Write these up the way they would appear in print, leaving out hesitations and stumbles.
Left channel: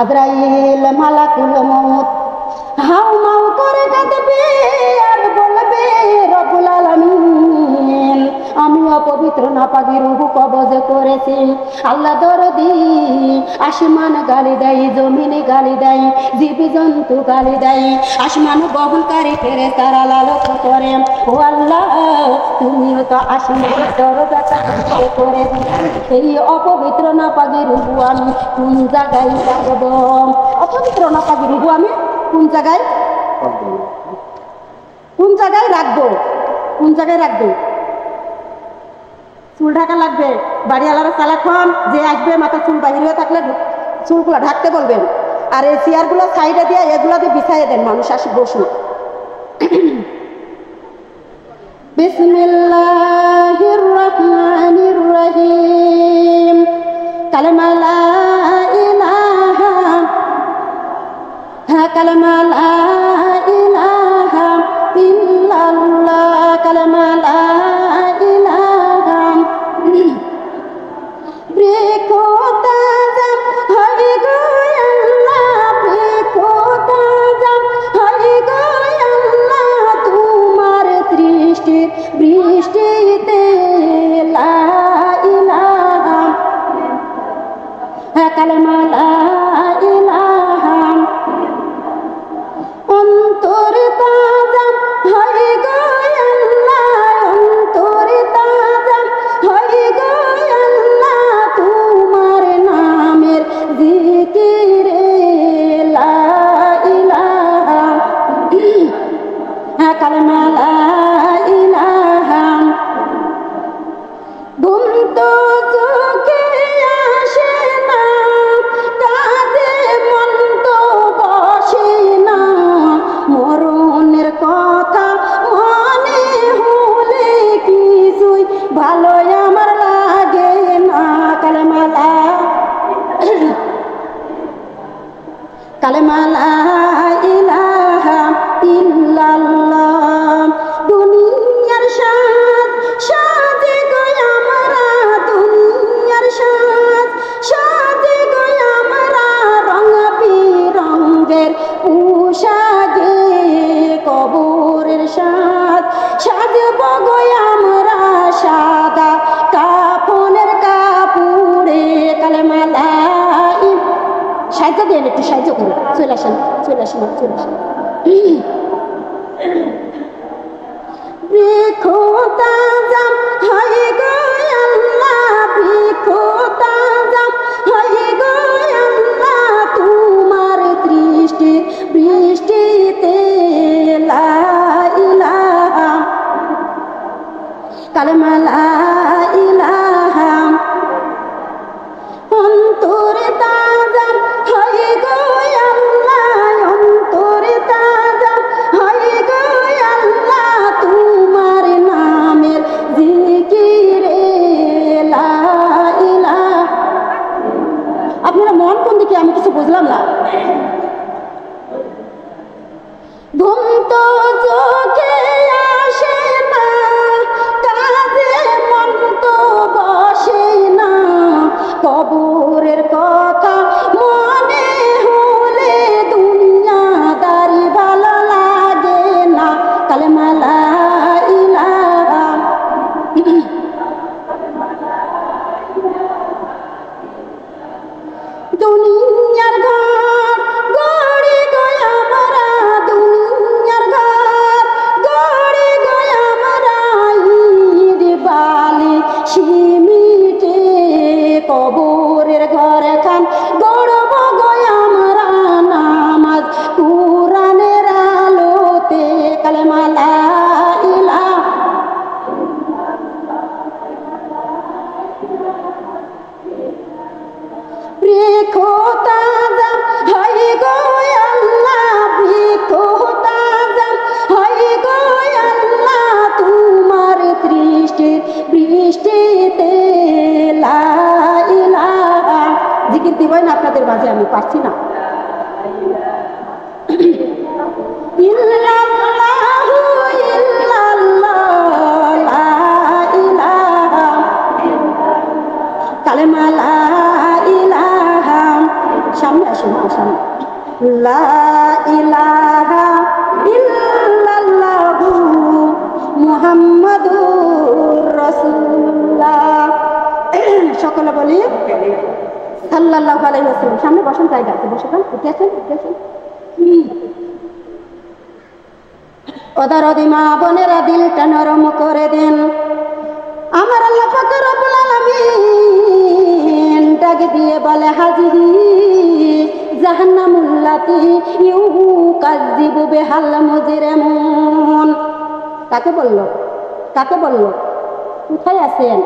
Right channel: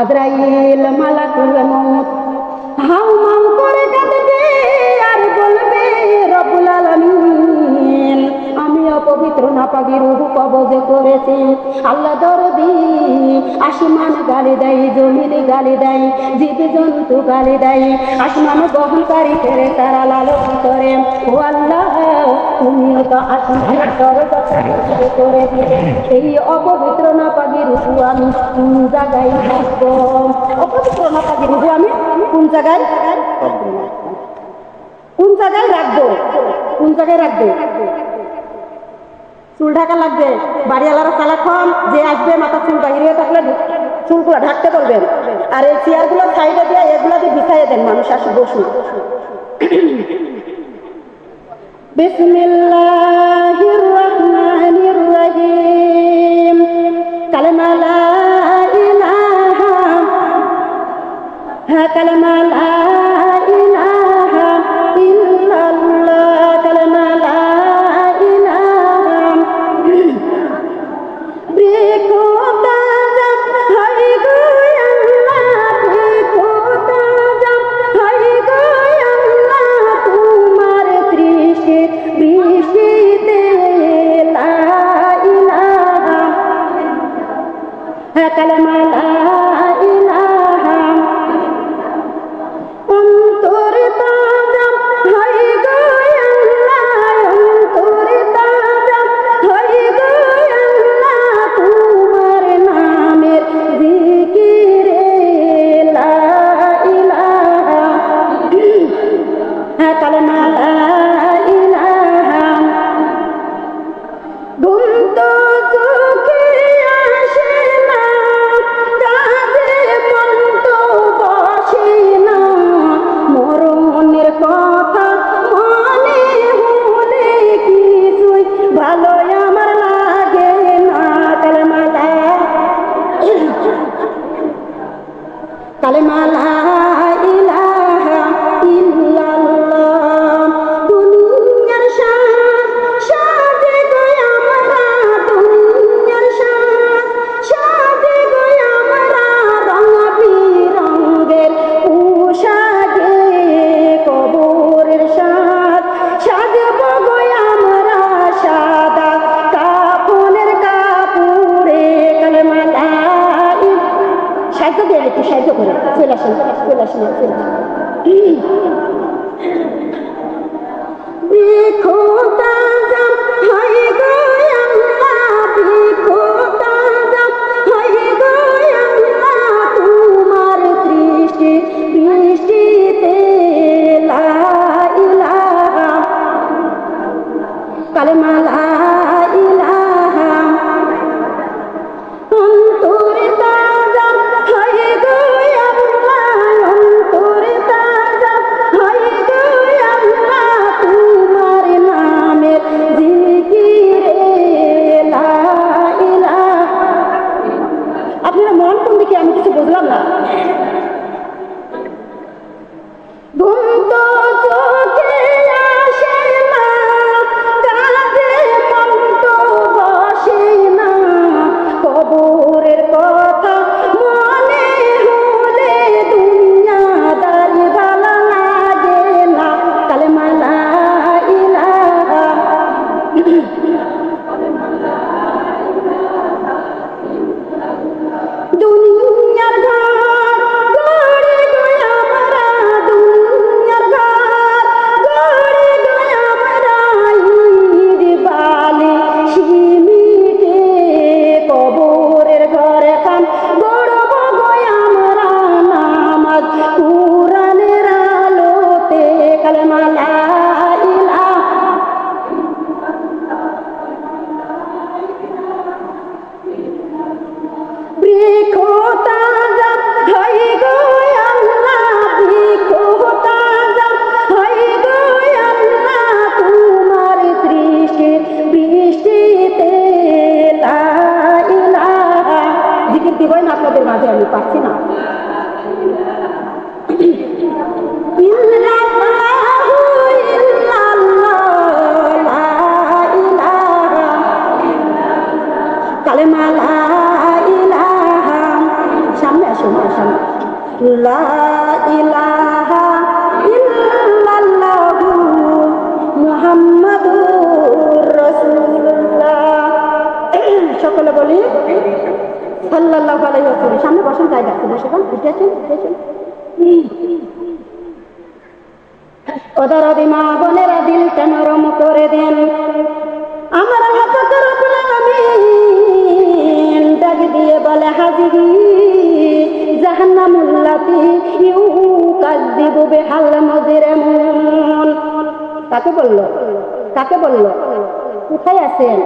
আজরাইল মালাকুল মউত হাউ মাউ করে কাঁদবে আর বলবে রব্বুল আলামিন আমি অপবিত্র নাপাকি রূহ কবজ করেছি। আল্লাহ দরদি আসমান গালি দেয়, জমিন গালি দেয়, জীবজন্তু গালি দেয়, আসমান বহনকারী ফেরেশতারা লালসা করে, ও আল্লাহ তুমি তো আসমানের দরজাটা করে দিলে এই অপবিত্র নাপাকি রূহ আমি কোন জায়গায় রাখবো? অপবিত্র নাপাকি রূহ আমি কোন জায়গায় রাখবো? কোন জায়গায় রাখবো? চুল ঢাকা লাগবে, বাড়িওয়ালারা সালাক্ষণ যে আসবে মাথা চুল বাহিরে থাকলে চুলগুলো ঢাকতে বলবেন, আর এই চেয়ারগুলো সাইডে দিয়ে এগুলাতে বিছাইয়ে দেন, মানুষ আসে বসুন। বিসমিল্লাহির রহমানির রহিম। কালেমা লা ইলাহা, হ্যাঁ কালেমা লা ইলাহা ইল্লাল্লাহ, কালেমা লা একটু সাহায্য করে চলে আসেন। তোমার বৃষ্টিতে লা ইলাহা, কালেমা লা ইলাহা, অন্তরে তাজা হয়ে গো আল্লাহ, অন্তরে তাজা হয়ে গো আল্লাহ, তোমার নামের জিকিরে লা ইলাহা। আপনারা মন কোন দিকে, আমি কিছু বুঝলাম না। ঘুম তো চোখে আসে না, কাজে মন তো বসে না, কবরের কথা মনে হলে দুনিয়াদারি ভালো লাগে না। কালেমা লা ইলাহা, দুনিয়ার ঘর গড়ে গয়া মরা, দুনিয়ার ঘর গড়ে গয়া মরা, ঈদ বালি সিমিটে কবরের ঘর খান গড়ব গয়া মরা, নামাজ কুরআনের আলোতে। কালেমা লা ইলাহা, বৃক্ষ তাজা হয়ে গো আল্লাহ, বৃক্ষ তাজা হয়ে গো আল্লাহ, তোমার বৃষ্টিতে লা ইলাহা। জিকির দিবেন আপনাদের মাঝে, আমি পারছি না। ইল্লাল্লাহু ইল্লাল্লাহ, লা ইলাহা, কালেমা লা ইলাহা। সামনে আসুন। সামনে সামনে লা ইলাহা ইল্লাল্লাহু মুহাম্মাদুর রাসূলুল্লাহ। সকলে বলি সাল্লাল্লাহু আলাইহি ওয়াসাল্লাম। সামনে বসেন, জায়গা আছে, বসে যান, উঠেছেন উঠেছেন। ওদের মা বোনেরা দিলটা নরম করে দেন। আমার আল্লাহ পাক রব্বুল আলামিন ডাক দিয়ে বলে হাজিহি জাহান্নামুল্লাতি ইউকাযযিবু বিহাল মুজরিমুন। কাকে বললো? কাকে বললো? কোথায় আছেন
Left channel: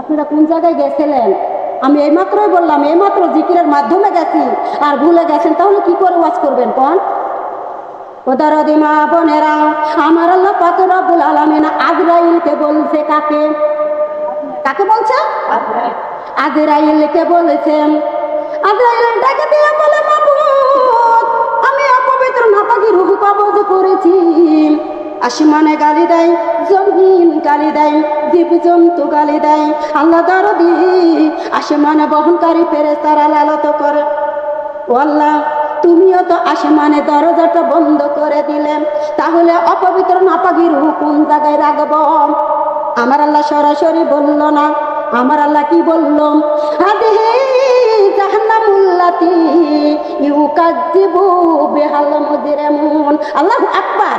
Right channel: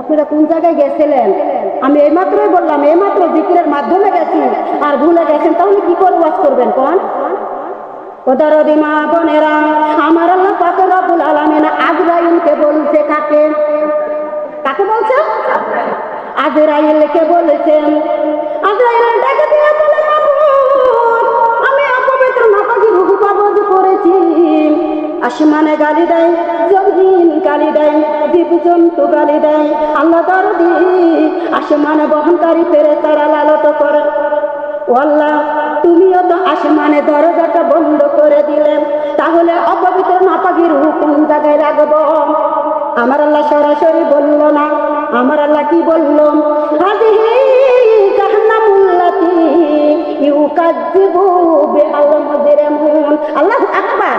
আপনারা? কোন জায়গায় গেছিলেন? আমি এইমাত্রই বললাম, এইমাত্র জিকিরের মাধ্যমে গেছি আর ভুলে গেছেন, তাহলে কি করে ওয়াজ করবেন কোন? ওদের মা বোনেরা, আমার আল্লাহ পাক রব্বুল আলামিন আজরাইলকে বলছে। কাকে? কাকে বলছে? আজরাইলকে বলেছেন। আজরাইল ডাকে দিয়ে বলে মাবুদ, আমি অপবিত্র নাপাকি রূহ কবজ করেছি। আসমানে গালি দেয়, জমিন গালি দেয়, জীবজন্তু গালি দেয়, আল্লাহ দরদি আসমানে বহনকারী ফেরেশতারা লালত করে। ও আল্লাহ, তুমিও তো আসমানে দরজাটা বন্ধ করে দিলে, তাহলে অপবিত্র নাপাকি রূহ কোন জায়গায় রাখবো? আমার আল্লাহ সরাসরি বলল না। আমার আল্লাহ কি বলল? হাদিহি জাহান্নামুল্লাতি ইউকাযযিবু বিহাল মুজরিমুন। আল্লাহু আকবার।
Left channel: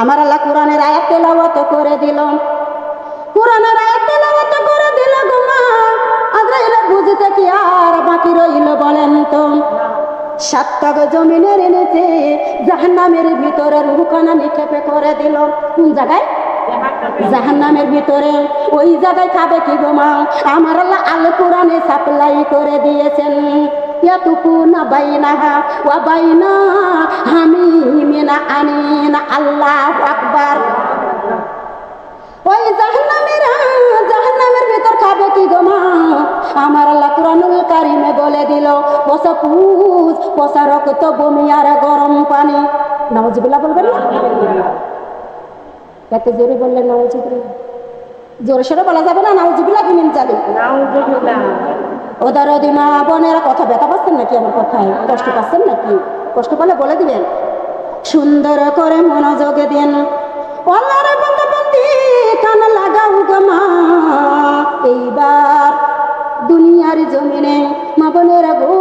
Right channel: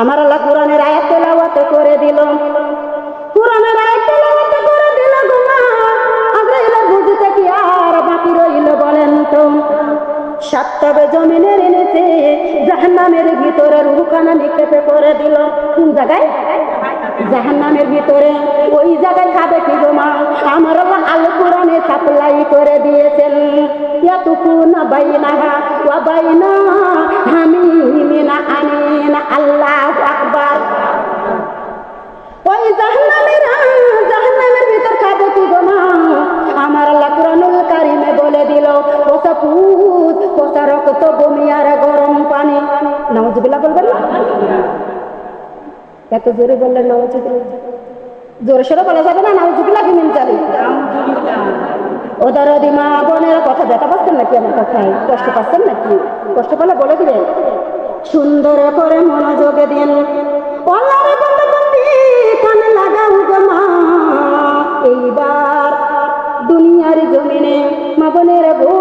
আমার আল্লাহ কোরআনের আয়াত তেলাওয়াত করে দিল। কোরআনের আয়াত তেলাওয়াত করে দিল গো মা। আজরাইল বুঝতে কি আর বাকি রইল বলেন তো? সাতটা জমিনের নিচে জাহান্নামের ভিতরে রূহখানা নিক্ষেপে করে দিল। কোন জায়গায়? জাহান্নামের ভিতরে। ওই জায়গায় খাবে কি গো মা? আমার আল্লাহ আল কোরআনে সাপ্লাই করে দিয়েছেন। ইয়াতুকুনা বাইনাহা ওয়া বাইনা হামিমিনা আনিনা। আল্লাহু আকবার। ওই জাহান্নামের ভিতর খাবে কি গো মা? আমার আল্লাহ কুরআনুল কারীমে বলে দিল, পচা পুষ, পচা রক্ত, বমি আর গরম পানি। নাউজুবিল্লাহ বলবেন না? এত জোরে বললেন নাউজুবিল্লাহ। জোরে সোরে বলা যাবে না নাউজুবিল্লাহ কিমিন যাবে। ওদের মা বোনেরা, কথা ব্যথা পাচ্ছেন নাকি? আমার কথায় কষ্ট পাচ্ছেন নাকি? কষ্ট পেলে বলে দিবেন। সুন্দর করে মনোযোগ দিন। আল্লাহর বান্দাবন্দি কান লাগাও গো মা। এইবার দুনিয়ার জমিনে মা বোনেরা গো,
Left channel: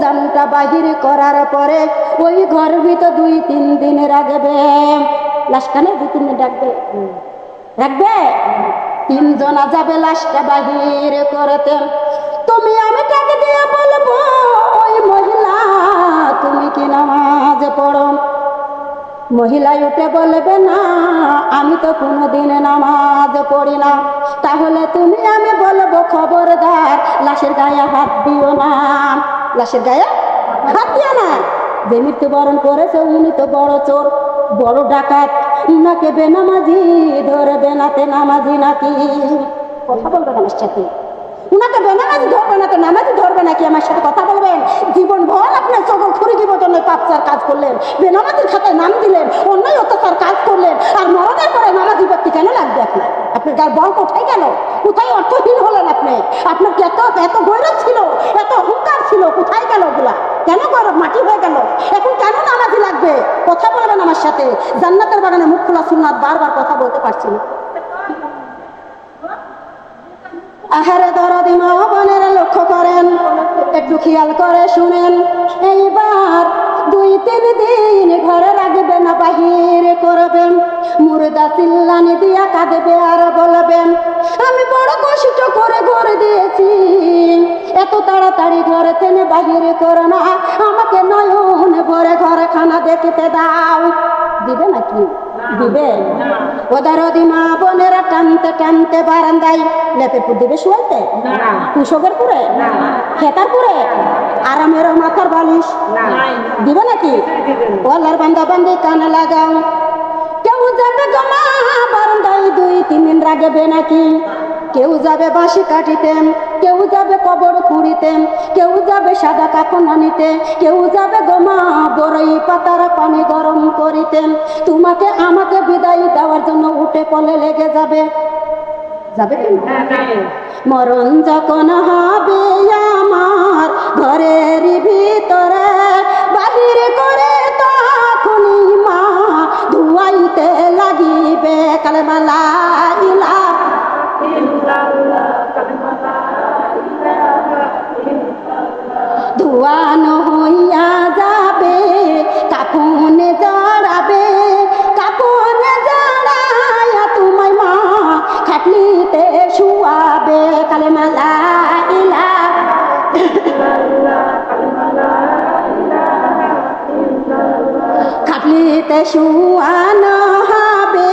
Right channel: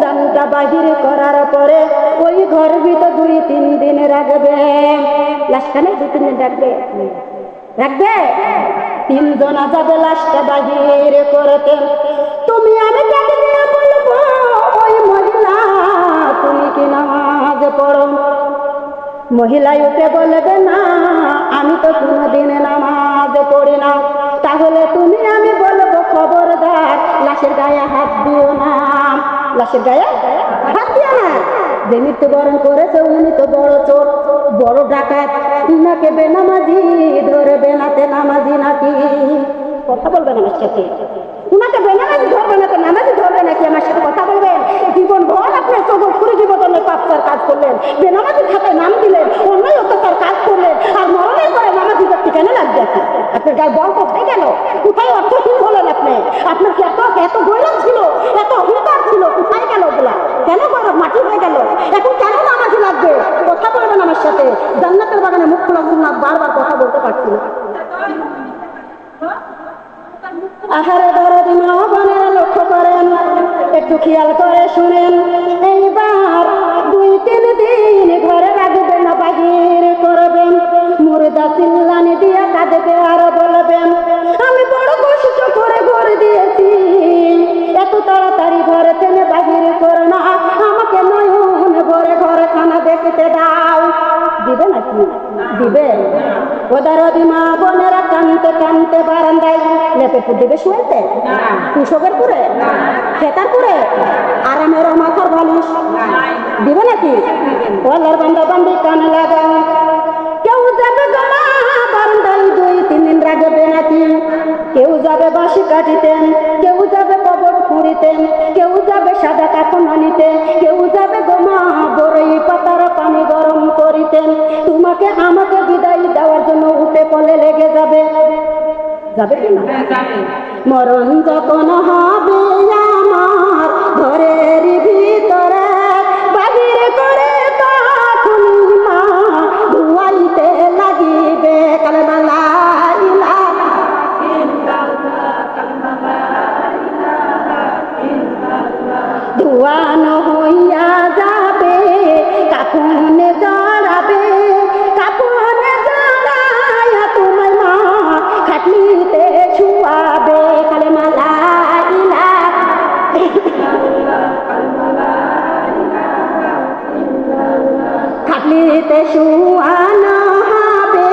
জানটা বাহির করার পরে ওই ঘর ভিতর 2-3 দিন রাখবে। লাশখানে 2-3 দিন রাখবে। রাখবে 3 জনা যাবে লাশটা বাহির করতে। তুমি আমি তাকে দিয়ে বলবো, ওই মহিলা তুমি কি নামাজ পড়ো? মহিলাই উঠে বলবে না, আমি তো কোনোদিন নামাজ পড়ি না। তাহলে তুমি আমি বলবো, খবরদার লাশের গায়ে হাত দিও না। লাশের গায়ে হাত দিও না। যে মৃত্যুবরণ করেছে উনি তো বড় চোর, বড় ডাকাত, উনাকে বেনামাজি ধরবে নাতে নামাজি নাকি? কথা বলবেন আমার সাথে। উনাকে বেনামাজি ধরবে নাতে নামাজি ধরবে নাকি? আমার সাথে কথা বলবেন। জীবন ভর আপনার সকল খুরি জীবনের পাপচার কাজ করলেন, বেনামাজির খাতায় নাম দিলেন, অন্যায় অত্যাচার কাজ করলেন, আর মরণের পরে নামাজি ব্যক্তি কেন লাগবে? আপনার গায়ে বল কোথায় গেল? কোথায় অর্থহীন হলেন আপনি? আপনার কি এত গৌরব ছিল, এত অহংকার ছিল? কোথায় গেল ওগুলা? কেন গৌরব মাটি হয়ে গেল? এখন কেন নামাজি লাগবে? কথা বলবেন আমার সাথে। জান্নাতের বাগানে মুখ খোলা সুন্নাত, বারবার কথা বলতে পারছি না। আহারে দরদি মা বোনেরা, লক্ষ্য করেন, একটু খেয়াল করে শুনেন। এইবার 2-3 দিন ঘরে রাখবে না, বাহির করবেন। মুর্দা চিল্লানি দিয়া কাঁদবে আর বলবেন, আমি বড় কষ্ট করে ঘর দিয়েছি, এত তাড়াতাড়ি ঘরে টেনে বাহির করো না, আমাকে নয়ন ভরে ঘরে খানা দেখতে দাও। দিবে নাকি? দিবে? ওদের মা বোনেরা টানতে টানতে বারান্দায় লেপে দিবে শুয়াইতে, কুশকের পুরে, খেতার পুরে, আরামের মাথার বালিশ দিবে নাকি? ওলার বান্দা বান্দি কানে লাগাও। কেউ যাবে জমা বারান্দায় 2-3 দিন রাখবে নাকি? কেউ যাবে বাঁশি কাটিতেন, কেউ যাবে কবর খুঁড়িতেন, কেউ যাবে সাদা কাপড় আনিতে, কেউ যাবে গোমা বড়ই পাতার পানি গরম করিতেন। তোমাকে আমাকে বিদায় দেওয়ার জন্য উঠে পলে লেগে যাবে। যাবে কি? মরণ যখন হবে আমার জুয়ান হইয়া যাবে কাফনে জড়াবে, কাফনে জড়াইয়া তোমায় মা খাটলিতে শুয়াবে। কালেমা লা ইলাহা খাটলিতে শুয়ানো হবে,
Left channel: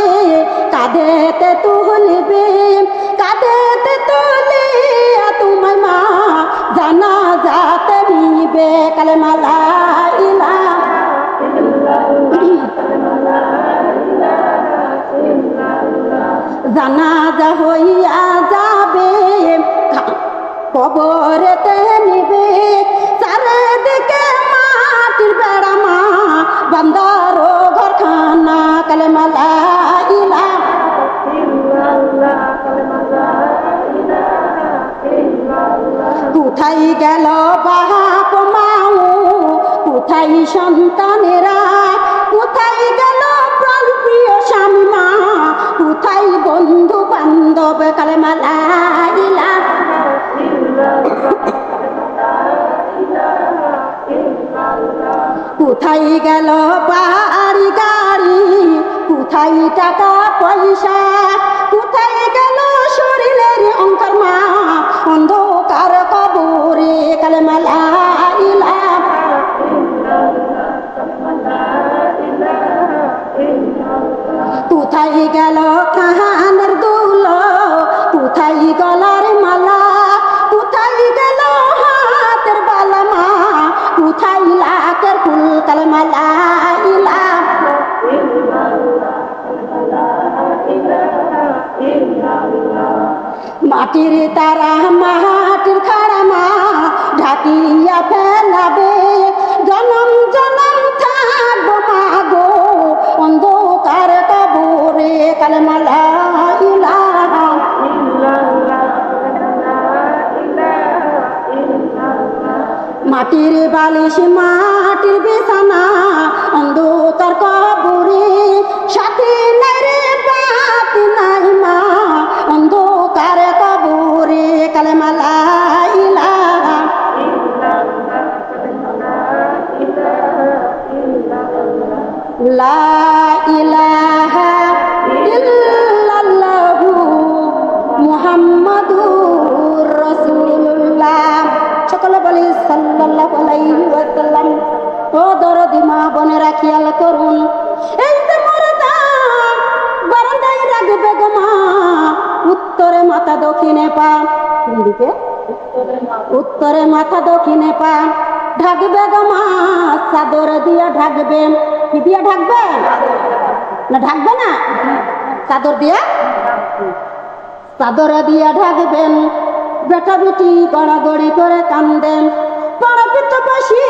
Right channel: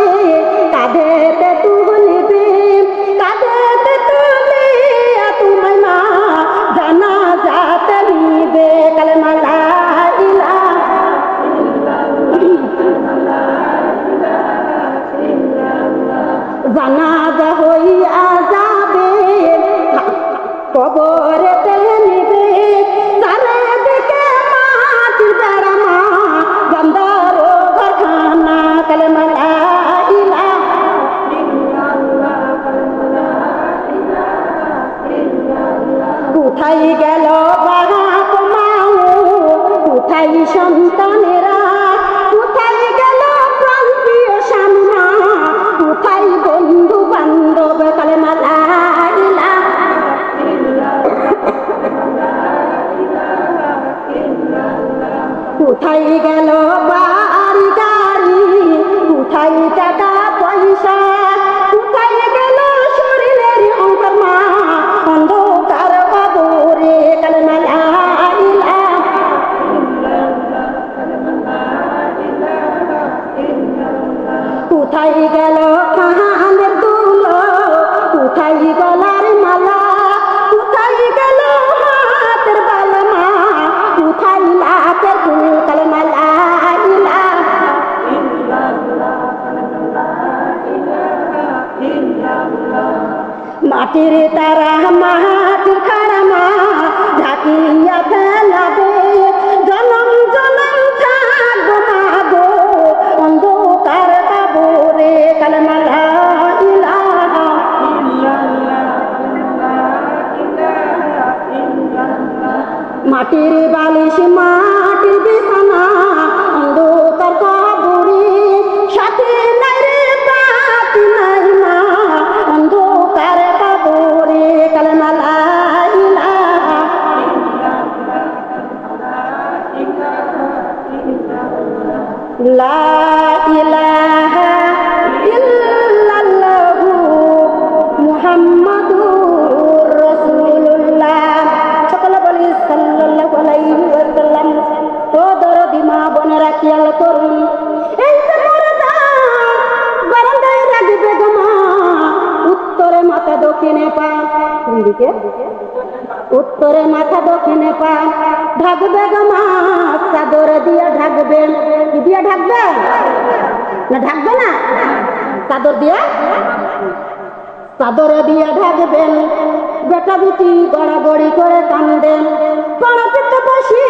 কাঁধেতে তুলবে, কাঁধেতে তুলিয়া তোমায় মা জানাজাতে নিবে। কালেমা লা ইলাহা জানাজা হইয়া যাবে কবরেতে নিবে, চারিদিকে মাটির বেড়া মা বান্দার ঘরখানা। কালেমা লা ইলাহা কোথায় গেল বাপ মাও, কোথায় সন্তানেরা, কোথায় গেল প্রাণ প্রিয় স্বামী মা, কোথায় বন্ধু বান্ধব। কালেমা লা ইলাহা কোথায় গেল বাড়ি গাড়ি, কোথায় টাকা পয়সা, কোথায় গেল শরীরের অঙ্কার মা অন্ধকার কবরে। কালেমা লা ইলাহা কোথায় গেল কানের দুল, কোথায় গলার মালা, কোথায় গেল হাতের বালা মা, কোথায় লাখের ফুল। কালেমা লা ইলাহা মাটির তারা মাটির খাড়া মা ঢাকিয়া ফেলাবে, জনম জনম থাকবো মা গো অন্ধকার কবরে। কালেমা লা ইলাহা মাটির বালিশ মাটির বিছানা অন্ধকার কবরে, সাথে নাই রে পাতি নাই মা অন্ধকার কবরে। কালেমা লা ইলাহা লা ইলাহা ইল্লাল্লাহু মুহাম্মাদুর রাসূলুল্লাহ। সকলে বলি সাল্লাল্লাহু আলাইহি ওয়াসাল্লাম। ও দরদি মা বোনেরা খেয়াল করুন, এই যে মরদা বারান্দায় রাখবে গো মা, উত্তরে মাথা দক্ষিণে পা। কোন দিকে? উত্তরে মাথা দক্ষিণে পা ঢাকবে গো মা, চাদর দিয়ে ঢাকবে। কি দিয়ে ঢাকবে? না ঢাকবে না, চাদর দিয়ে, চাদর দিয়ে ঢাকবেন। বেটা বেটি গড়াগড়ি করে কান্দেন, পড়াপিত বসি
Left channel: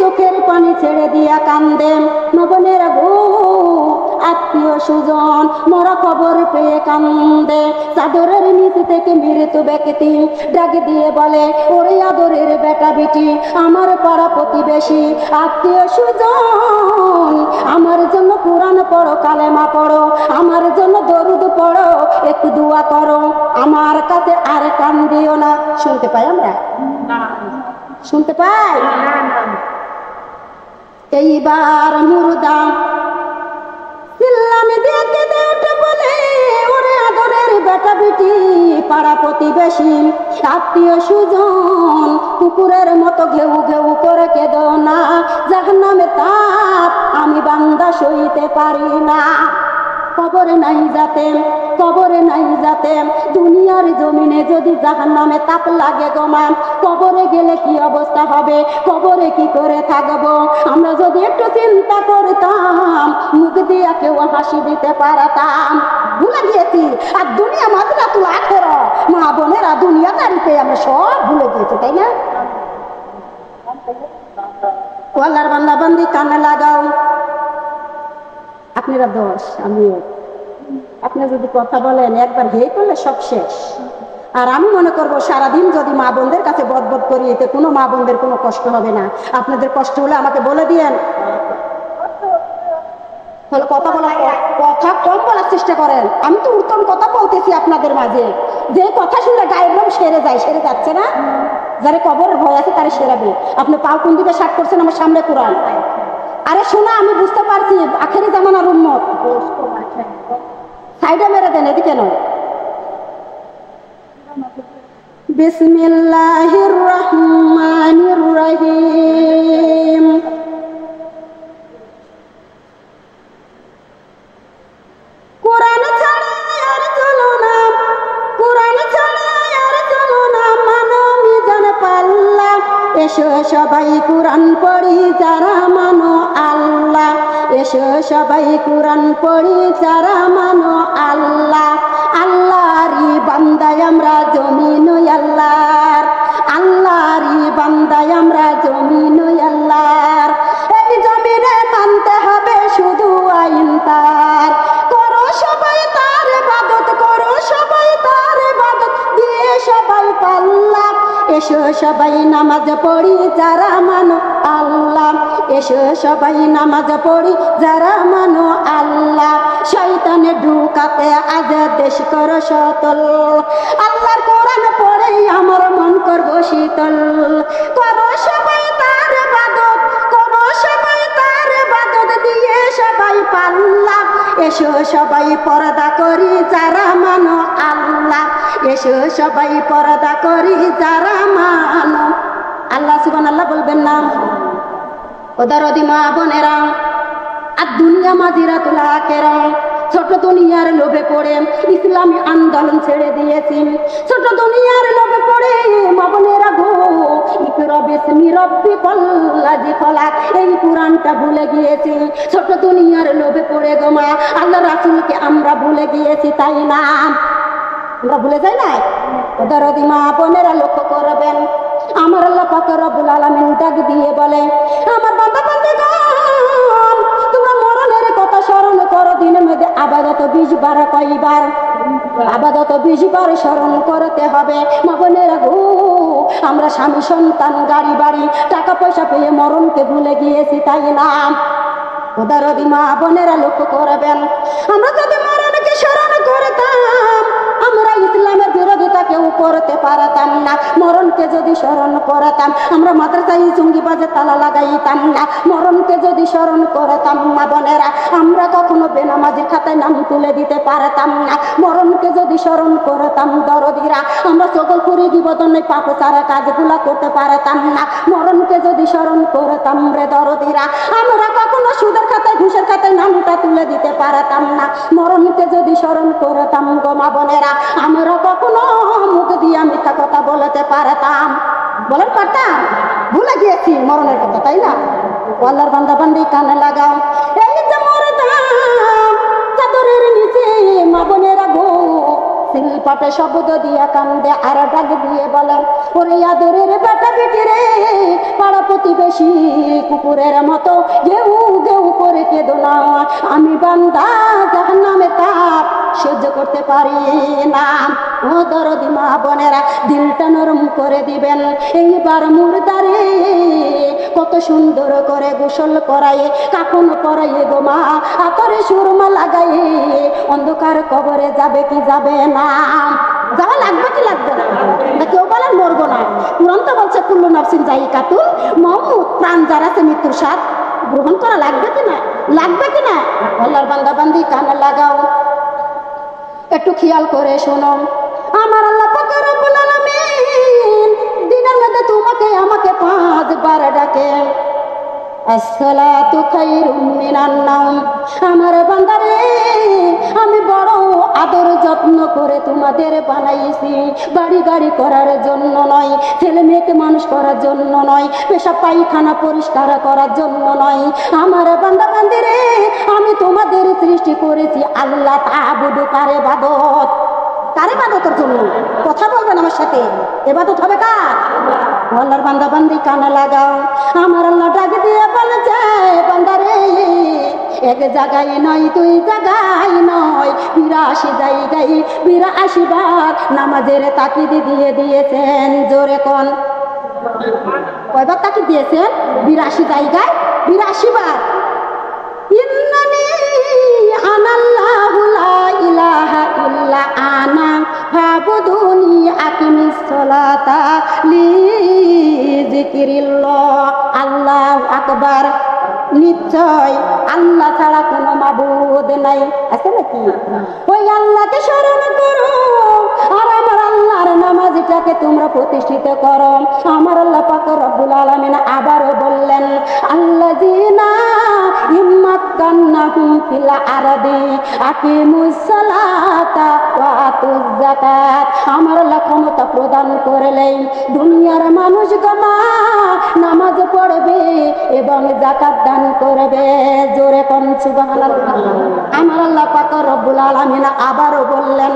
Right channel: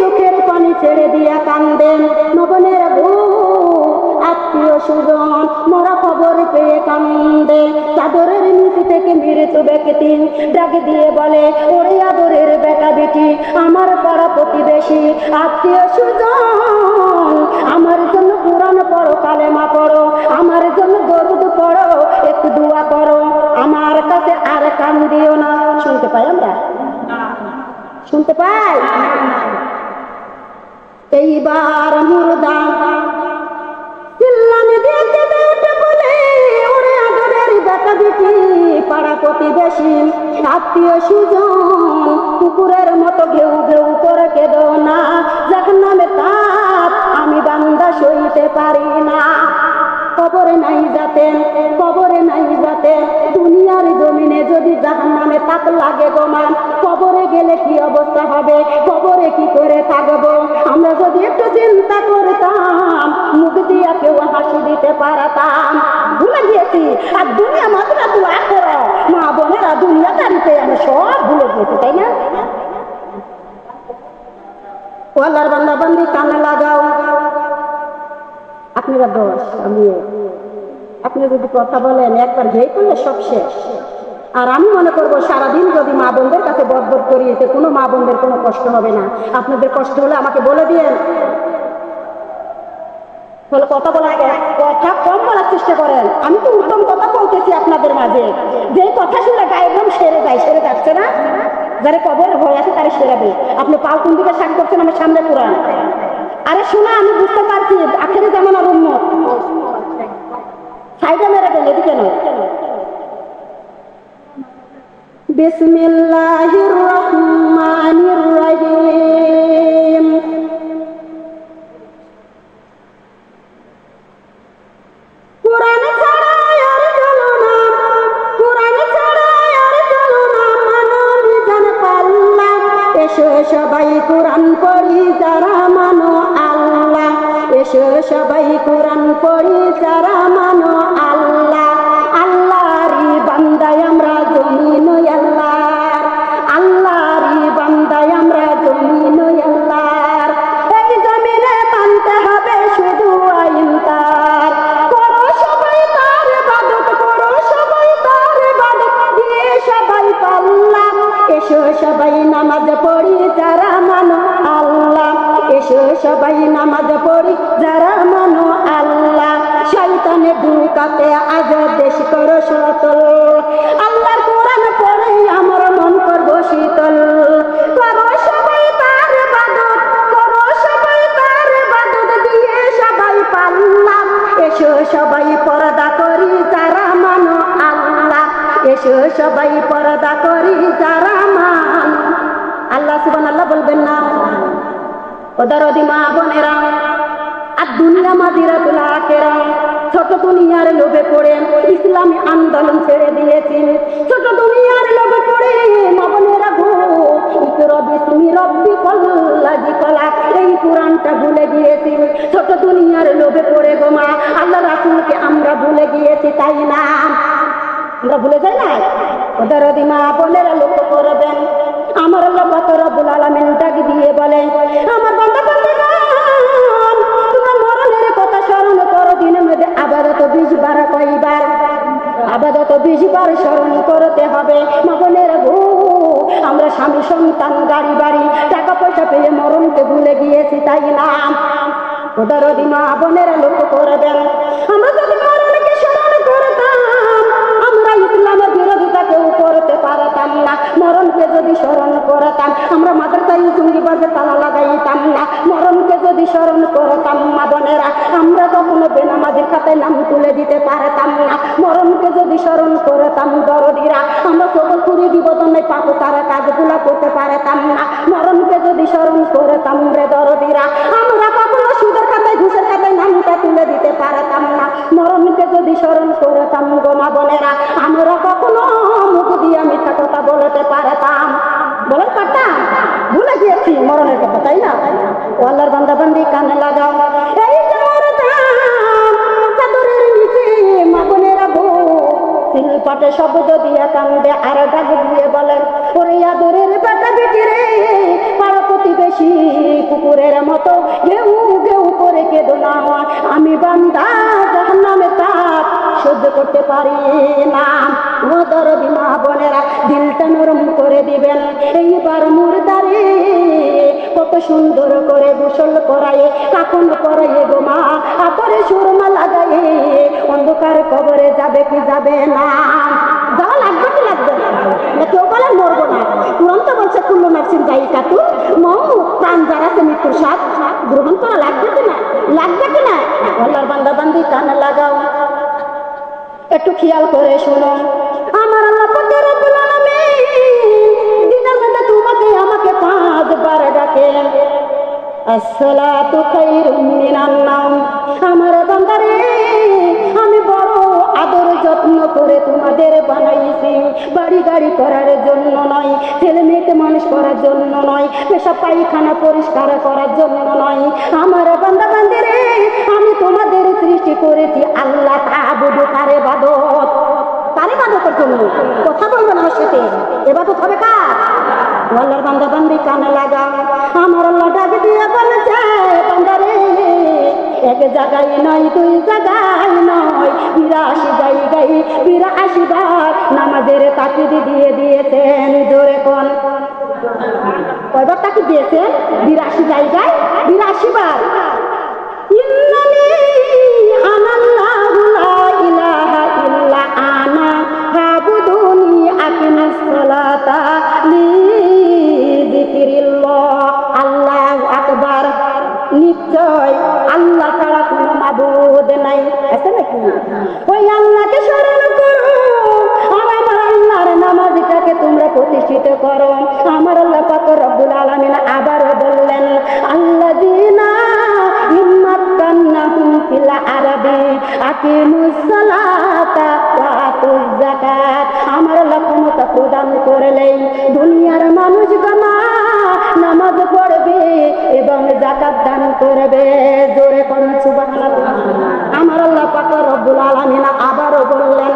চোখের পানি ছেড়ে দিয়া কান্দেন। নবনের গো আত্মীয় সুজন মরা খবর পেয়ে কান্দে, চাদরের নিচে থেকে মৃত্যু ব্যক্তি ডাক দিয়ে বলে, ওরে আদরের বেটা বেটি, আমার পাড়া প্রতিবেশী আত্মীয় সুজন, আমার জন্য কোরআন পড়ো, কালেমা পড়ো, আমার জন্য দরুদ পড়ো, একটু দোয়া করো, আমার কাছে আর কান দিও না। শুনতে পাই আমরা? শুনতে পাই? এইবার মুর্দা চিল্লানি দিয়ে কেঁদে উঠে বলে, ওরে আদরের বেটা বেটি, পাড়া প্রতিবেশী আত্মীয় সুজন, কুকুরের মতো ঘেউ ঘেউ করে কেঁদো না, জাহান্নামের তাপ আমি বান্দা সইতে পারি না। কবরে নাই যাতেন, কবরে নাই যাতেন, দুনিয়ার জমিনে যদি জাহান্নামে তাপ লাগে গো মা, কবরে গেলে কি অবস্থা হবে, কবরে কি করে থাকবো? আমরা যদি একটু চিন্তা করতাম, মুখ দিয়া কেউ হাসি দিতে পারতাম। ভুলে গিয়েছি, আর দুনিয়া মাত্রা তুই আখের মা বোনেরা দুনিয়াদারিতে আমরা সব ভুলে গিয়েছি, তাই না? আল্লাহর বান্দা বান্দি কানে লাগাও, আপনারা দোষ, আমিও। আপনি যদি কথা বলেন একবার হেই করলে সব শেষ। আর আমি মনে করবো সারাদিন যদি মা বোনদের কাছে বদবদ করি, এতে কোনো মা বোনদের কোনো কষ্ট হবে না। আপনাদের কষ্ট হলে আমাকে বলে দিয়েন, কথা বলা, কথা কম বলার চেষ্টা করেন। আমি তো উত্তম কথা বলতেছি আপনাদের মাঝে, যে কথা শুনে গায়ের রং সেরে যায়, সেরে যাচ্ছে না। যারা কবরের ভয় আছে তারা সেরাবে। আপনি পাও কোন দিকে শাক করছেন, আমার সামনে কোরআন। আরে শোনা, আমি বুঝতে পারছি আখেরি জামানার উম্মত। সাইডে মেরে দেন, এদিকে নয়। বিসমিল্লাহির রহমানির রহিম। কোরআন ছাড়া আর চলো না, কোরআন ছাড়া আর চলো না, মানো মিজান পাল্লা। এসো সবাই কোরআন পড়ি যারা মানো আল্লাহ, এসো সবাই কোরআন পড়ি যারা মানো আল্লাহ। আল্লাহরই বান্দায় আমরা জমিন আল্লাহর, আল্লাহরই বান্দায় আমরা জমিন আল্লাহর। এই জমিনে মানতে হবে শুধু আইন তার, করো সবাই তার ইবাদত, করো সবাই তার ইবাদত, দিয়ে সবাই পাল্লা। এসো সবাই নামাজ পড়ি যারা মানো আল্লাহ, এসো সবাই নামাজ পড়ি যারা মানো আল্লাহ। শয়তানে ঢুকাতে আজ দেশ করো সতল, আল্লাহর কোরআন পড়ে আমার মন করবো শীতল। করো সবাই তার ইবাদত, করো সবাই তার ইবাদত, দিয়ে সবাই পাল্লা। এসো সবাই পর্দা করি যারা মানো আল্লাহ, এসো সবাই পর্দা করি যারা মানো আল্লাহ। সুবহানাল্লাহ বলবেন না? ওদারদি মা বোনেরা, আর দুনিয়া মাদিরাতুল আখিরা। ছোট দুনিয়ার লোভে পড়ে ইসলামী আন্দোলন ছেড়ে দিয়েছি, ছোট দুনিয়ার লোভে পড়ে মা বোনেরা গো, ইকরা বিসমি রাব্বিকাল লাযী খলাক, এই কোরআনটা ভুলে গিয়েছি। ছোট দুনিয়ার লোভে পড়ে গো মা, আল্লাহ রাসূলকে আমরা ভুলে গিয়েছি, তাই না? আমরা ভুলে যাই না? ওদারদি মা বোনেরা লক্ষ্য করবেন, আমার আল্লাহ পাক রব্বুল আলামিন ডাক দিয়ে বলে, আমার বান্দা বান্দিগণ, তোমরা মরণের কথা স্মরণ করো। দিনের মধ্যে আবাদত 20 বার, কয়বার? আবাদত 20 বার স্মরণ করতে হবে। মা বোনেরা গো, আমরা স্বামী সন্তান গাড়ি বাড়ি টাকা পয়সা পেয়ে মরণকে ভুলে গিয়েছি, তাই না? উদারদি মা বোনেরা লক্ষ্য করবেন, আমরা যদি মরণকে স্মরণ করতাম, আমরা ইসলামের বিরোধিতা কেউ করতে পারতাম না। মরণকে যদি স্মরণ করতাম, আমরা মাদ্রাসায় জঙ্গিবাজে তালা লাগাইতাম না। মরণকে যদি স্মরণ করতাম মা বোনেরা, আমরা কখনো বেনামাজির খাতায় নাম তুলে দিতে পারতাম না। মরণকে যদি স্মরণ করতাম দরদিরা, আমরা সকল করে বিবদনে পাপ সারা কাজগুলা করতে পারতাম না। মরণকে যদি স্মরণ করতাম রে দরদিরা, আমরা কখনো সুদের খাতায় ঘুষের খাতায় নামটা তুলে দিতে পারতাম না। মরণকে যদি স্মরণ করতাম গো মা বোনেরা, আমরা কখনো মুখ দিয়ে মিথ্যা কথা বলতে পারতাম? বলেন পারতাম? ভুলে গিয়েছি মরণের কথা, তাই না? আল্লাহর বান্দা বান্দি কানে লাগাও, এই যে মরতাম চাদরের নিচে মা বোনেরা গো, শিলপাটে শব্দ দিয়ে কান্দে আর ডাক দিয়ে বলেন, ওরে আদরের বেটা বেটি রে, পাড়া প্রতিবেশী কুকুরের মতো ঘেউ ঘেউ করে কেঁদো না, আমি বান্দা জাহান্নামের তাপ সহ্য করতে পারি না। ও দরদি মা বোনেরা, দিলটা নরম করে দিবেন। এইবার মুর্দারে কত সুন্দর করে গোসল করায়ে, কাফন পরায়ে গো মা, আতরে সুরমা লাগায়ে অন্ধকার কবরে যাবে কি যাবে না? যাওয়া লাগবে কি লাগবে না? না কেউ বলেন মরবো না। কোরআন তো বলছে কুল্লু নাফসিন যায়িকাতুল মাউত, প্রাণ যার আছে মৃত্যুর স্বাদ গ্রহণ করা লাগবে কি না? লাগবে কি না? আল্লাহর বান্দা বান্দি কানে লাগাও, একটু খেয়াল করে শোনো। আমার আল্লাহ পাক রব্বুল আলামিন দিনের মধ্যে তোমাকে আমাকে 5 বার ডাকে, আসসালাতু খায়রুম মিনান নাওম। আমার বান্দারে, আমি বড় আদর যত্ন করে তোমাদের বানাইছি, বাড়ি গাড়ি করার জন্য নয়, ছেলে মেয়েকে মানুষ করার জন্য নয়, পেশাব পায়খানা পরিষ্কার করার জন্য নয়। আমার বান্দা বান্দিরে, আমি তোমাদের সৃষ্টি করেছি আল্লাহ তা'বুদু, কার ইবাদত, কার ইবাদতের জন্য। কথা বলবেন আমার সাথে, ইবাদত হবে কার? আল্লাহর বান্দা বান্দি কানে লাগাও, আমার আল্লাহ ডাক দিয়ে বলেছে, বান্দারে এক জায়গায় নয়, 2 জায়গায় নয়, 82 জায়গায় 82 বার নামাজের তাকিদ দিয়ে দিয়েছেন। জোরে কোন? কয়বার তাকিদ দিয়েছেন? 82 জায়গায় 82 বার। ইন্নানি আনাল্লাহু লা ইলাহা ইল্লা আনা ফাবুদুনি আকিমিস সালাতা লি যিকিরিল্লাহ, আল্লাহু আকবার। নিশ্চয় আল্লাহ ছাড়া কোনো মাবুদ নাই। আছে নাকি? ওই আল্লাহকে স্মরণ করো আর আমার আল্লাহর নামাজটাকে তোমরা প্রতিষ্ঠিত করো। আমার আল্লাহ পাক রব্বুল আলামিন আবারও বললেন, আল্লাযীনা ইম্মাক্কান্নাহুম ফিল আরদি আকিমুস সালাতা ওয়া আতুজ যাকাত। আমার আল্লাহ ক্ষমতা প্রদান করলেন দুনিয়ার মানুষগণ নামাজ পড়বে এবং যাকাত দান করবে। জোরে কোন সুবহানাল্লাহ। আমার আল্লাহ পাক রব্বুল আলামিন আবারও বললেন,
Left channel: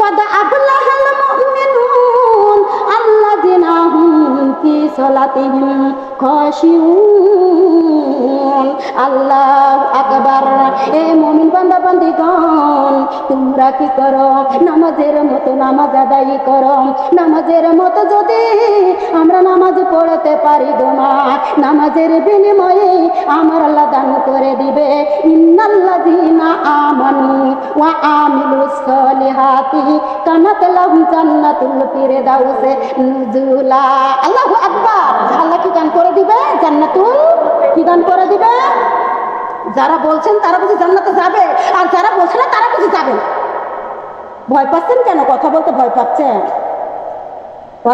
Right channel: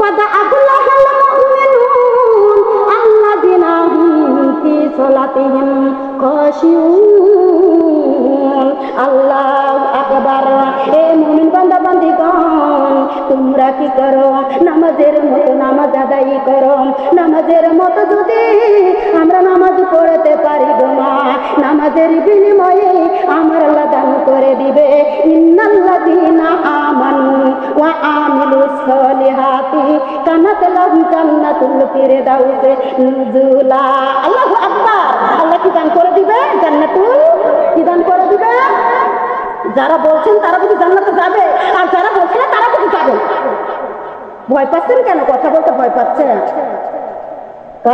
قد أفلح المؤمنون الذين هم في صلاتهم خاشعون। আল্লাহু আকবার। এই মুমিন বান্দা বান্দীগণ, তোমরা কি করো? নামাজের মতো নামাজ আদায় করো। নামাজের মতো যদি আমরা নামাজ পড়তে পারি না, নামাজের বিনিময়ে আমার আল্লাহ দান করে দিবে, ইন্নাল্লাযীনা আমানু ওয়া আমিলুস সলিহাতি কানাত লাহুম জান্নাতুল ফিরদাউস নুজুলা। আল্লাহু আকবার। আল্লাহ কি দান করে দিবে? জান্নাতুল কি দান করে দিবে? যারা বলছেন তারা বুঝি জান্নাতে যাবে, আর যারা বলছে না তারা বুঝি যাবে। ভয় পাচ্ছেন কেন? কথা বলতে ভয় পাচ্ছেন?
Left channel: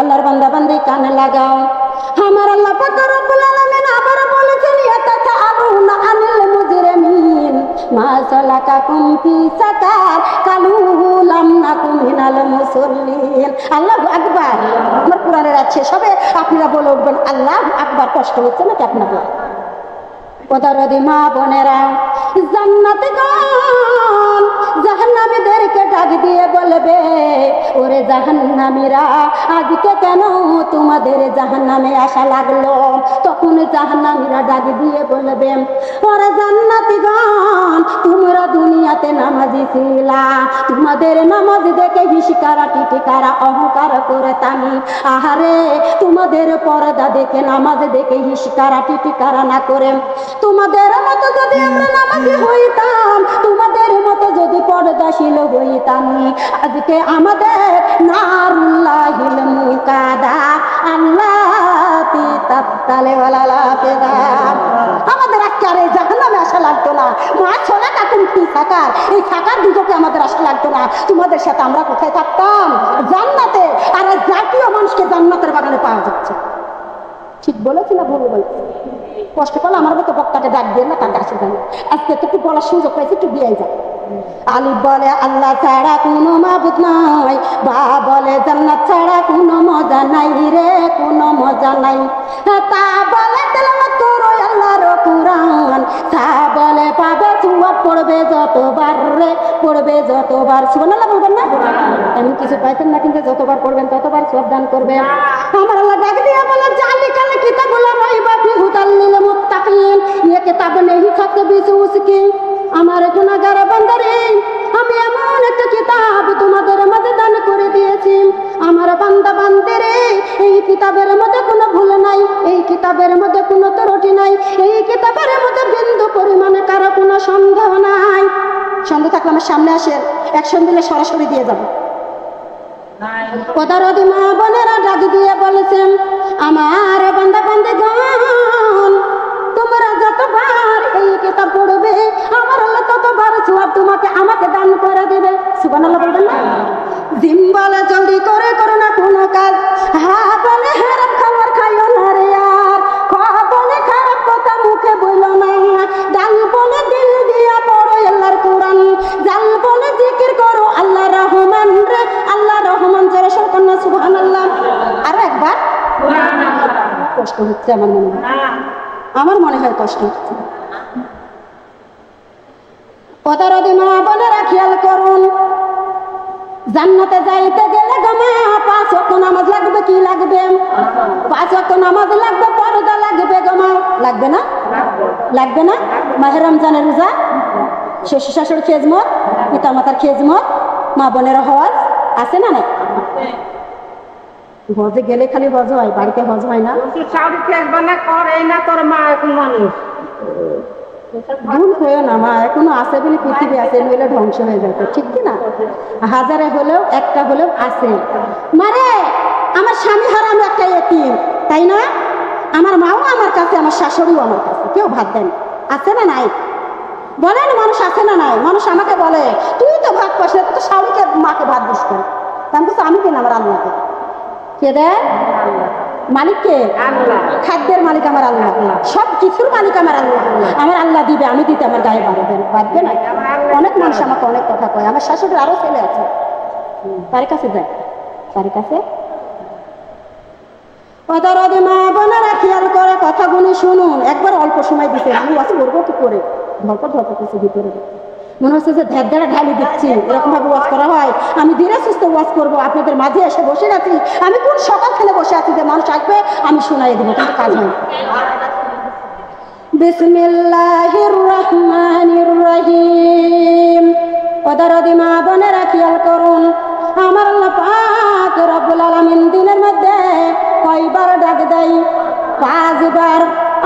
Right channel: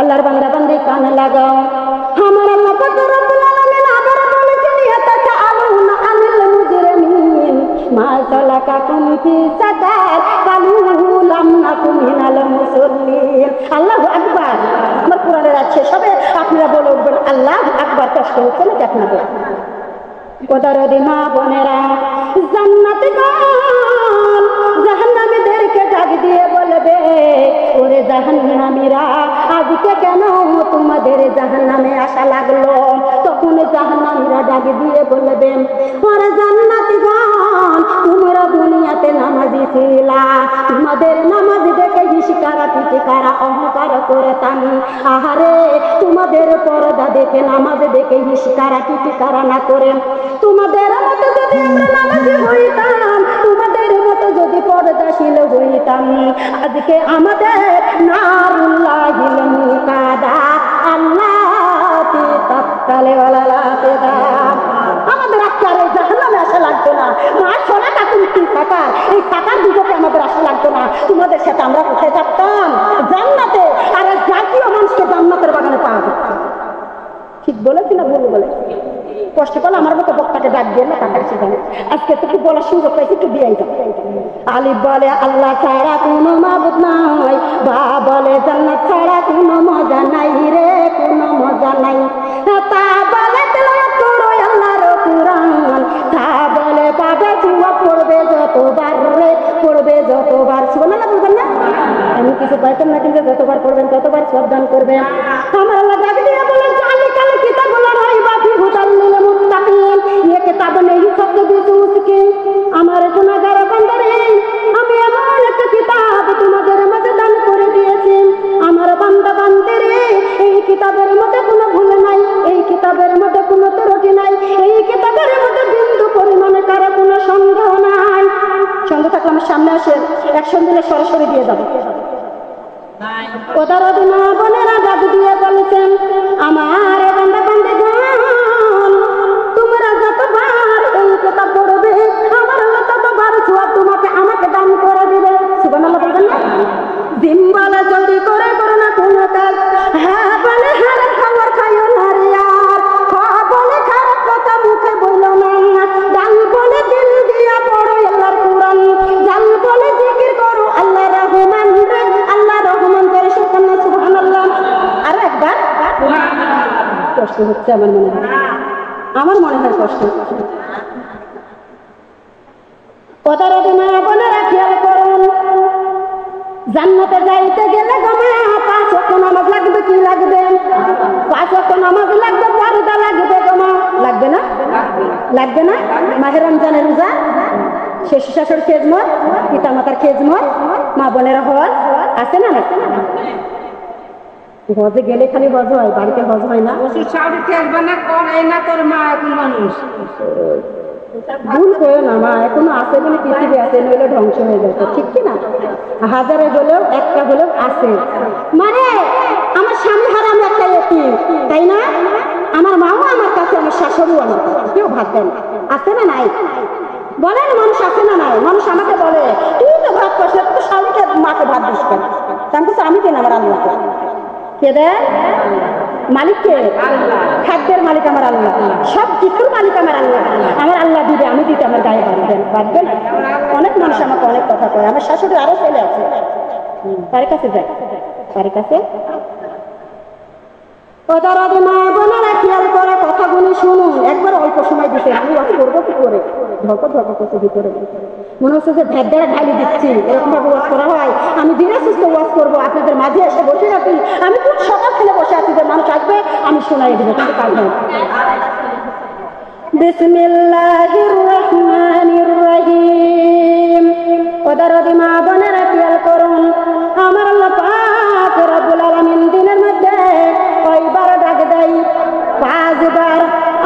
আল্লাহর বান্দা বান্দি কানে লাগাও। আমার আল্লাহ পাক রব্বুল আলামিন আবার বলেছেন, ইয়াতাসাআলুনা আনিল মুজরিমিন মা সালাকাকুম ফি সাকার কালু লাম নাকুম মিনাল মুসাল্লিন। আল্লাহু আকবার। আমার কোরআনের আছে সবে আপনারা বলে উঠবেন আল্লাহু আকবার। কষ্ট হচ্ছে না আপনাদের? ওদারদি মা বোনেরা, জান্নাতে গান জাহান্নামীদেরকে ডাক দিয়ে বলবে, ওরে জাহান্নামীরা, আজকে কেন তোমাদের জাহান্নামে আসা লাগলো? তখন জাহান্নামীরা ডাক দিয়ে বলবে, ওরে জান্নাতীগণ, তোমরা দুনিয়াতে নামাজি ছিলা, তোমাদের নামাজ দেখে হিসকারা টিটিকারা অহংকার করতাম। আহারে, তোমাদের পর্দা দেখে নামাজ দেখে হিসকারা টিটিকারা না করে তোমাদের মতো যদি আমরা নামাজি হইতাম, তোমাদের মতো যদি পর্দাশীল হইতাম, আজকে আমাদের নারুল্লাহিল মুকাদা আল্লাতি তাক্কালে ওয়ালা লাফিদা, আমাদের আজকে জাহান্নামে আসা লাগতো না। মা ছোলা কাকুন কি সাকার, এই সাকার দুটোকে আমাদের আসা লাগতো না। তোমাদের সাথে আমরা কোথায় থাকতাম? জান্নাতে। আর জাতীয় মানুষকে জান্নাতের বাগানে পাওয়া যাচ্ছে। ঠিক বলেছি না ভুল বলেছি? কষ্ট করলে আমার মতো বক্তাকে ডাক দিয়ে না, তার কাছে আজকে একটু বলার সুযোগ পাইছি, একটু দিয়ে যাও। আলিফ বলে আল্লাহ ছাড়া কোনো মাবুদ নাই, বা বলে জান্নাত ছাড়া কোনো মজা নাই রে, কোনো মজা নাই। তা বলে তেলাওয়াত করো আল্লাহর কুরআন, তা বলে পাবে সওয়াব, পড়বে যতবার রে, পড়বে যতবার। সুবহানাল্লাহ বলবেন না? এমন কিছু পাইতেন না, কিন্তু যতবার পড়বেন ততবার সওয়াব দান করবেন। আমার আল্লাহ ডাক দিয়ে বলে, জালিকাল কিতাবুল রাইবা ফি হুদাল লিল মুত্তাকিন, ये किताब नहीं सकते बेचो उसकी। আমার গুনাহগার বান্দারে, আমি এমন একটা কিতাব তোমাদের মধ্যে দান করে দিয়েছি। আমার বান্দা বান্দারে, এই কিতাবের মধ্যে কোনো ভুল নাই, এই কিতাবের মধ্যে কোনো ত্রুটি নাই, এই কিতাবের মধ্যে বিন্দু পরিমাণে কারো কোনো সন্দেহ নাই। সন্দেহ থাকলে আমার সামনে আসেন, অ্যাকশন দিলে সরাসরি দিয়ে যাবো। ওদার মা বোনেরা ডাক দিয়ে বলেছেন, আমার বান্দা বান্দাগণ, তোমরা যতবার এই কিতাব পড়বে, আমার আল্লাহ ততবার সওয়াব তোমাকে আমাকে দান করে দেবে। সুবহানাল্লাহ বলবেন না? জিম বলে জলদি করে করো না কোনো কাজ, হ্যাঁ বলে হারাম খবর খাইও না রে আর, বলে খারাপ কথা মুখে বলো না, ডাল বলে দিল দিয়া পড়ো আল্লাহর কোরআন, জাল বলে জিকির করো আল্লাহ রহমান রে, আল্লাহ রহমান যারা সকল না। সুবহানাল্লাহ। আর একবার কষ্ট হচ্ছে আমার মনে হয়, আমার মনে হয় কষ্ট হচ্ছে। কথার দিন বোনেরা খেয়াল করুন, জান্নাতে যাইতে গেলে গমা 5 ওয়াক্ত নামাজ লাগবে। কি লাগবে? 5 ওয়াক্ত নামাজ লাগবে, পর্দা লাগবে গমা। লাগবে না? লাগবে না? মাহে রমজানের রোজা, শ্বশুর শাশুড়ির খেজমত, পিতা মাতার খেজমত, মা বোনের হজ আছে না? না, হজে গেলে খালি হজ হয়, বাড়িতে হজ হয় না। ভুল করে না, মা এখনো আছে বলে পৃথিবী আছে, নইলে ধ্বংস হয়ে যেত। ঠিক কি না? হাজারে হলেও একটা হলেও আছে। মানে আমার সামনে হারাম একটা এতিম, তাই না? আমার মাও আমার কাছে, আমার শাশুড়িও আমার কাছে, কেউ ভাত দেন আছে না নাই? বলেন মানুষ আছে না নাই? মানুষ আমাকে বলে তুই তো ভাত পাস না, তুই তো শাশুড়িকে মাকে ভাত দিস কেন? আমি বলছি আমি কেন, আমার আল্লাহকে। কে দেয়? মালিক কে? খাদ্যের মালিক আমার আল্লাহ, সব কিছুর মালিক আমার আল্লাহ। আমার আল্লাহ দিবে, আমি দিতে আমার গায়ে বাঁধবে না। অনেক মানুষ আমাকে অনেক কথা কয়। আমার শাশুড়ির আরো ছেলে আছে, তার কাছে যায়, তার কাছে। ওদের মা বোনেরা খেয়াল করে কথাগুলো শুনুন। একবার অল্প সময় দিতে আমি ওয়াজ করবো কি করে, ধরপর করছে ভিতরে, মনে হচ্ছে যে ধ্যার দ্বারা ঢালি দিচ্ছি, এরকম ভাবে ওয়াজ করা হয়। আমি ধীরে সুস্থ ওয়াজ করবো, আপনাদের মাঝে এসে বসে আছি। আমি কোন সকাল থেকে বসে আছি যে মানুষ আসবে আমি শোনাই দেবো, কিন্তু কাজ হয়। বিসমিল্লাহির রহমানির রহিম। ওদের মা বোনেরা খেয়াল করুন, আমার আল্লাহ পাক রব্বুল আলামিন দিনের মধ্যে কয়বার ডাক দেয়? 5 বার।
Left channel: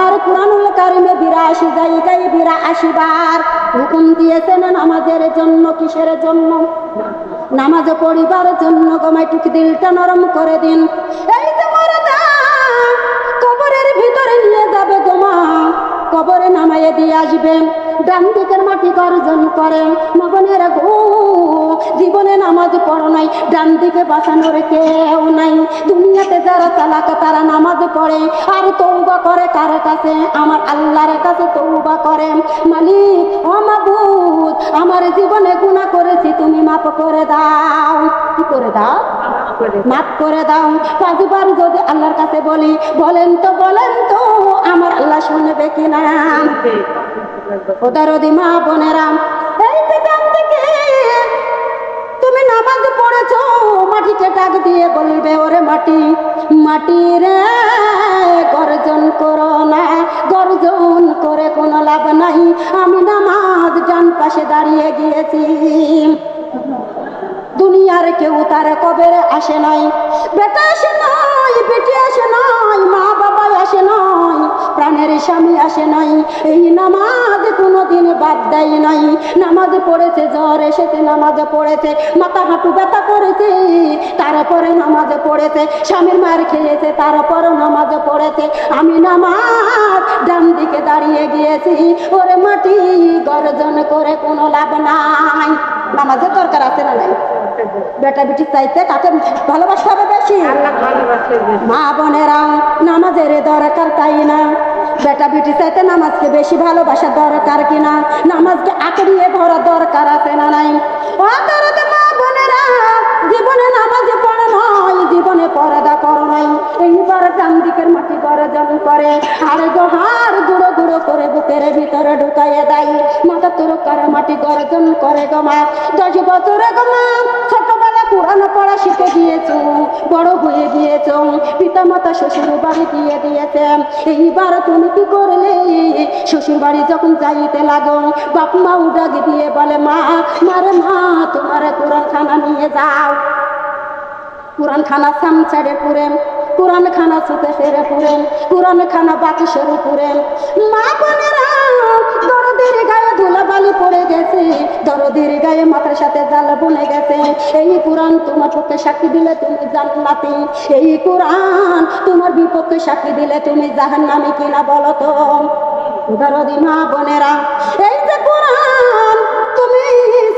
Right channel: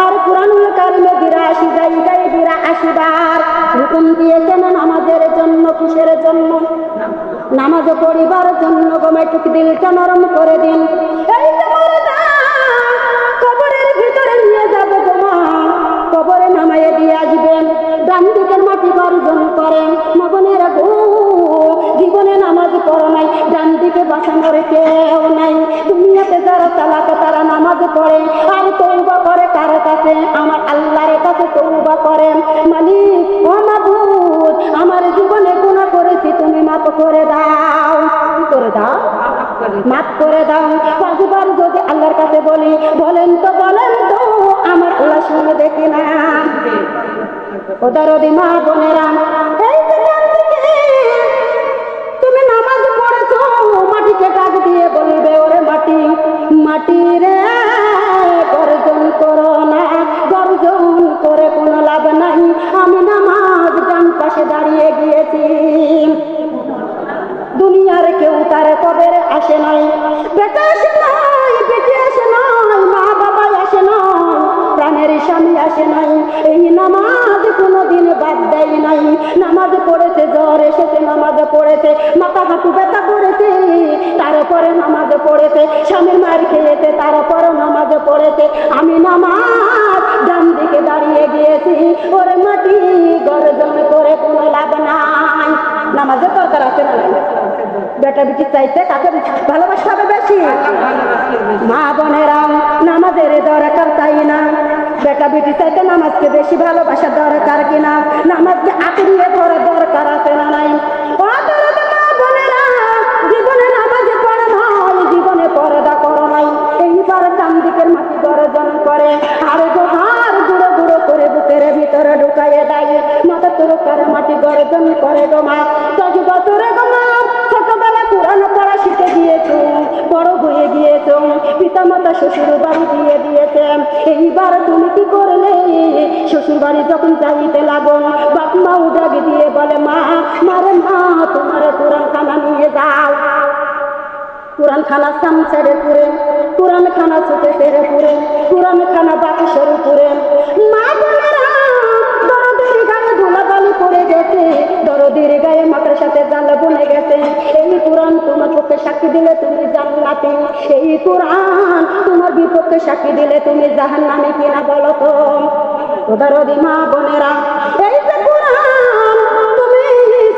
আর কুরআনুল কারীমে 82 জায়গায় 82 বার হুকুম দিয়েছেন নামাজের জন্য। কিসের জন্য? নামাজ পড়িবার জন্য। একটু দিলটা নরম করে দিন। এই যে মরদা কবরের ভিতরে নিয়ে যাবে গোমা, কবরে নামাইয়ে দিয়ে আসবেন, ডান দিকের মাটি গর্জন করেন, মগনেরা গো জীবনে নামাজ পড়ো নাই, ডান দিকে বাঁচানোর কেউ নাই। দুনিয়াতে যারা চালাক তারা নামাজ পড়ে আর তওবা করে কার কাছে? আমার আল্লাহর কাছে তওবা করে। মালিক ও মাবুদ, আমার জীবনে গুনাহ করেছি, তুমি মাফ করে দাও। কি করে দাও? মাফ করে দাও। 5 বার যদি আল্লাহর কাছে বলি, বলেন তো আমার আল্লাহ শুনবে কিনা? ওদের মা বোনেরা, এই যেখান থেকে তুমি নামাজ পড়েছো, মাটিকে ডাক দিয়ে বলবে ওরে মাটি, মাটি রে গর্জন করো না, গর্জন করে কোনো লাভ নাই। আমি নামাজ ডান পাশে দাঁড়িয়ে গিয়েছি। দুনিয়ার কেউ তার কবরে আসে নাই, বেটা আসে নাই, বেটি আসে নাই, মা বাবা আসে নাই, প্রাণের স্বামী আসে নাই। এই নামাজ কোনোদিন বাদ দেয় নাই। নামাজ পড়েছে, জ্বর এসেছে নামাজ পড়েছে, মাথা হাঁটু ব্যথা করেছে তারপরে নামাজ পড়েছে, স্বামীর মায়ের খেয়েছে তারপরও নামাজ পড়েছে। আমি নামাজ ডান দিকে দাঁড়িয়ে গিয়েছি। ওরে মাটি গর্জন করে কোনো লাভ নাই। নামাজের দরকার আছে না নাই? বেটা বেটি চাইতে কাকে ভালোবাসতে হবে বেশি? মা বোনেরা, নামাজের দরকার তাই না? বেটা বেটি চাইতে নামাজকে বেশি ভালোবাসা দরকার কিনা? নামাজকে আঁকড়িয়ে ধরা দরকার আছে না নাই? মা বোনেরা, জীবনে নামাজে পড়ো নাই, জীবনে পর্দা করো নাই। এইবার ডান দিকের মাটি গর্জন করে আর গোহার গুঁড়ো গুঁড়ো করে বুকের ভিতরে ঢুকাইয়ে দেয়। মাথা তোরকার মাটি গর্জন করে গো মা। 10 বছরে গো মা ছোটবেলা কোরআন পড়া শিখে দিয়েছো, বড় হয়ে গিয়েছো, পিতা মাতা শ্বশুর বাড়ি দিয়ে দিয়েছে। এইবার তুমি কি করলে? শ্বশুর বাড়ি যখন যাইতে লাগো, বাপ মাও ডাক দিয়ে বলে মা, মারে মা তোমার কোরআন খানা নিয়ে যাও। কোরআন খানা চামচারে পুরে, কোরআন খানা চুপে ফেরে পুরে, কোরআন খানা বাতাসের পুরে। মা বোনেরা, দরদের গায়ে ধুলাবালি পড়ে গেছে, দরদের গায়ে মাথার সাথে জাল বুনে গেছে। এই কোরআন তোমার পক্ষে সাক্ষী দিলে তুমি জান্নাতি, এই কোরআন তোমার বিপক্ষে সাক্ষী দিলে তুমি জাহান্নামী কিনা বলো তো? দরদি মা বোনেরা, এই যে কোরআন তুমি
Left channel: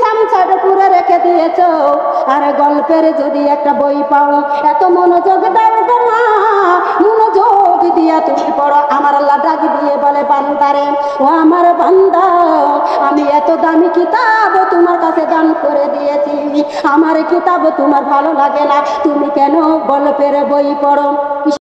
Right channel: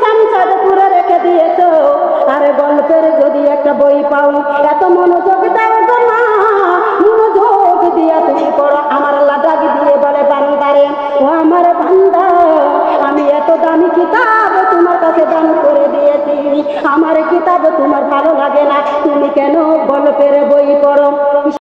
চামচারে পুরে রেখে দিয়েছো, আর গল্পের যদি একটা বই পাও, এত মনোযোগ দাও গো মা, মনোযোগ দিয়া তুমি পড়ো। আমার আল্লাহ ডাক দিয়ে বলে বান্দারে, ও আমার বান্দা, আমি এত দামি কিতাব তোমার কাছে দান করে দিয়েছি, আমার কিতাব তোমার ভালো লাগে না, তুমি কেন গল্পের বই পড়ো?